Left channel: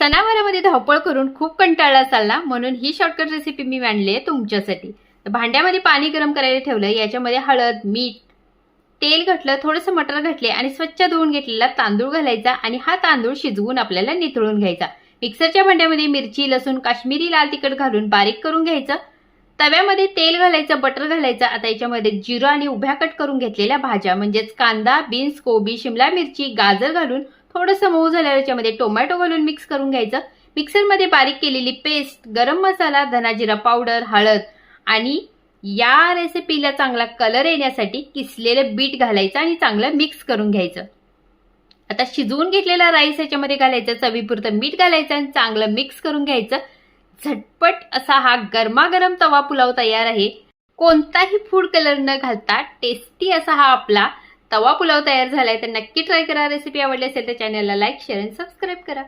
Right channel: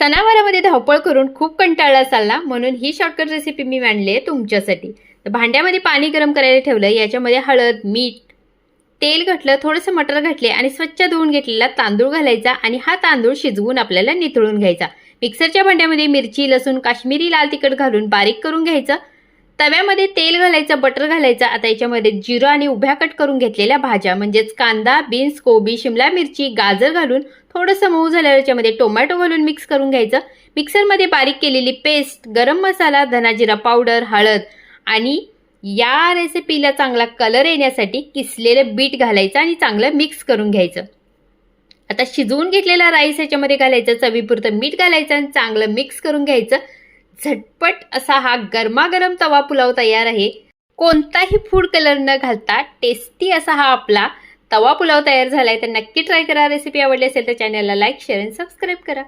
सणावारामध्ये धावपळ करून खूप कंटाळला असाल ना, म्हणून ही शॉर्टकट रेसिपी मी मांडली आहे तुमच्यासाठी। तर भांड्यामध्ये पाणी गरम करायला ठेवलं, याच्यामध्ये हळद, मीठ, तेल घातलं, थोडंसं मटर घातले आणि स्वच्छ धुवून घेतलेला तांदूळ घालायचा आणि हा तांदूळ शिजवून आपल्याला निथळून घ्यायचा। मिक्सरच्या भांड्यामध्ये मिरची, लसूण, काश्मीरी लाल तिखट घालून बारीक करून घ्यायचं। तव्यामध्ये तेल घालायचं, बटर घालायचं। आता याच्यामध्ये जिरं आणि उभ्या कट करून घेतलेल्या भाज्या म्हणजेच कांदा, बीन्स, कोबी, शिमला मिरची, गाजर घालून थोडंसं मऊ झाल्यावर याच्यामध्ये टोमॅटो घालून मिक्स करून घ्यायचं। मिक्सरमध्ये बारीक केलेली पेस्ट, गरम मसाला, धना जिरा पावडर, हळद आणि या रेसिपीला चांगला कलर येण्यासाठी किसलेलं बीट घालायचं आणि चांगलं मिक्स करून घ्यायचं। आता शिजवून घेतलेला राईस याच्यामध्ये घालायचं, चवीपुरतं मीठ घालायचं आणि चांगलं मिक्स करून घ्यायचं। झटपट असा हा गरमागरम तवा पुलाव तयार आहे। कोणताही फूड कलर न घालता टेस्टी असा हा आपला तवा पुलाव तयार झालाय। तर नक्की ट्राय करा। रेसिपी आवडली असेल तर चॅनलला लाईक, शेअर आणि सबस्क्राईब करा।